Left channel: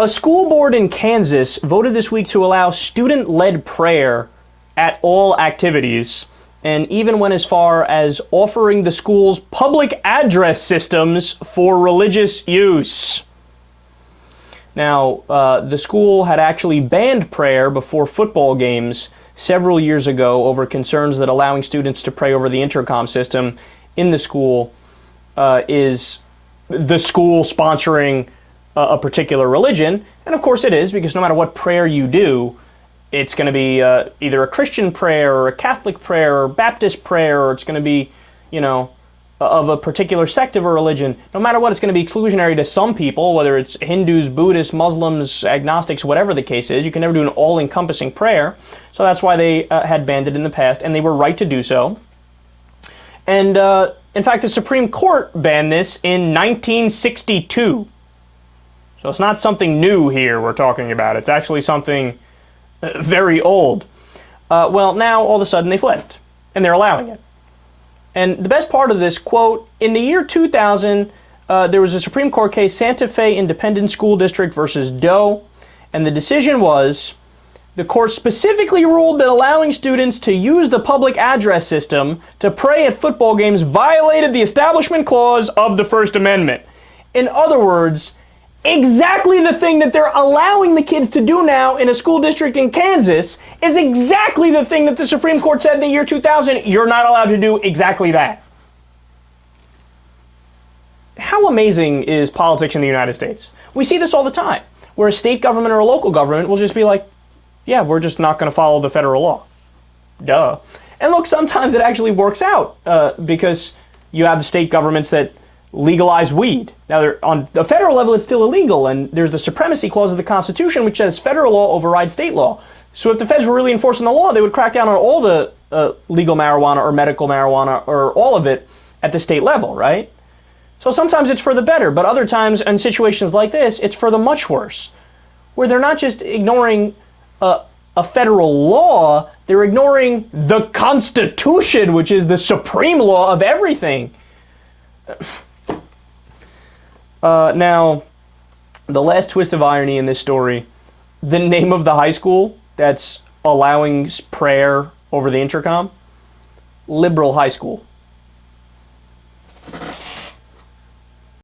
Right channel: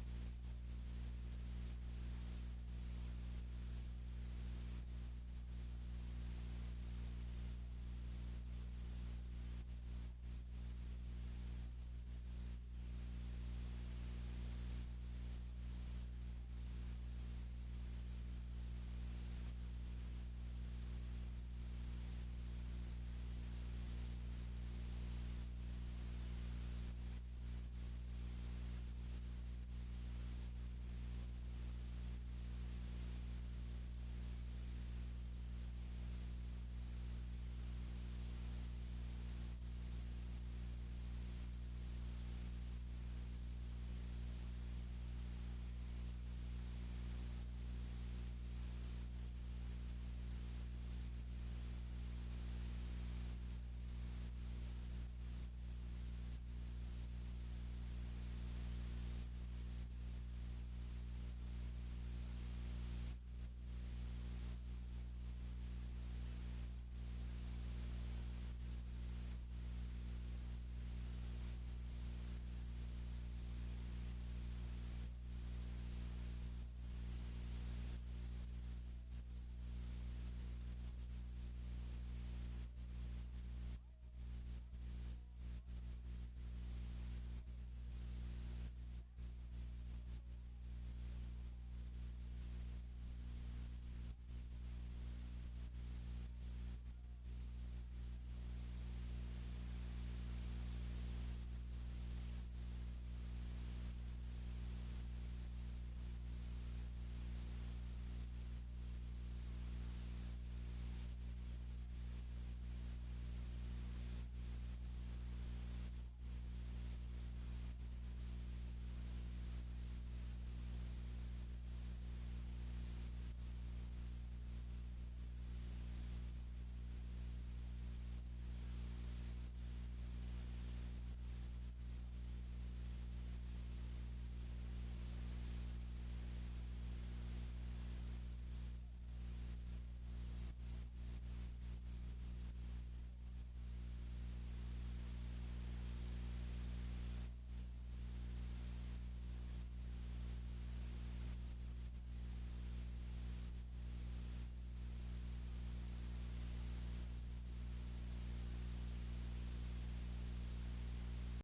A school board in Kansas voted this week to allow student-led prayer at all activities, and even went as far as offering the school's public address systems for religious use. Now, the school had actually banned prayer before football games several years ago over concerns that allowing students to pray over the intercom system in the school is the school sponsoring a particular religion. And of course it is, because no matter what prayer you do, it's going to be either a Christian prayer or a Catholic prayer or Baptist prayer, or it's going to be, you know, of a particular sect of a religion. No matter what, it's going to be exclusionary to some people, whether it's Hindus, Buddhists, Muslims, agnostics, whatever the case is. You can never do an all-encompassing prayer. So that's why they had banned it in the past, and they were right to do so. And in fact, the Supreme Court banned this in 1962. So it's not something new here we're talking about. It's actually something very old. Well, now all of a sudden they flipped, and they're allowing it. And the best part of this, quote, in the year 2000, there was a Supreme Court case, Santa Fe Independent School District versus Doe, and the decision was, the court specifically ruled that allowing students to use the public address system to pray at football games violated the Establishment Clause of the First Amendment. In other words, exactly the thing that they're allowing the kids to do now in a school district in Kansas is exactly the thing that the Supreme Court said in the year 2000, you're not allowed to do exactly that. How amazing is politics in the United States? We see this all the time, where a state government or a local government will just be like, yeah, we're just not going to follow the federal law. Duh. And look, sometimes it actually works out because you have state governments that legalize weed. Now, on the federal level, it's still illegal, and there's the Supremacy Clause of the Constitution, which says federal law overrides state law. So if the feds were really enforcing the law, they would crack down on all the legal marijuana or medical marijuana or all of it at the state level, right? So sometimes it's for the better, but other times, in situations like this, it's for the much worse, where they're not just ignoring a federal law, they're ignoring the Constitution, which is the supreme law of everything. Now, the last twist of irony in this story, the name of the high school that's allowing prayer over the intercom, Liberal High School.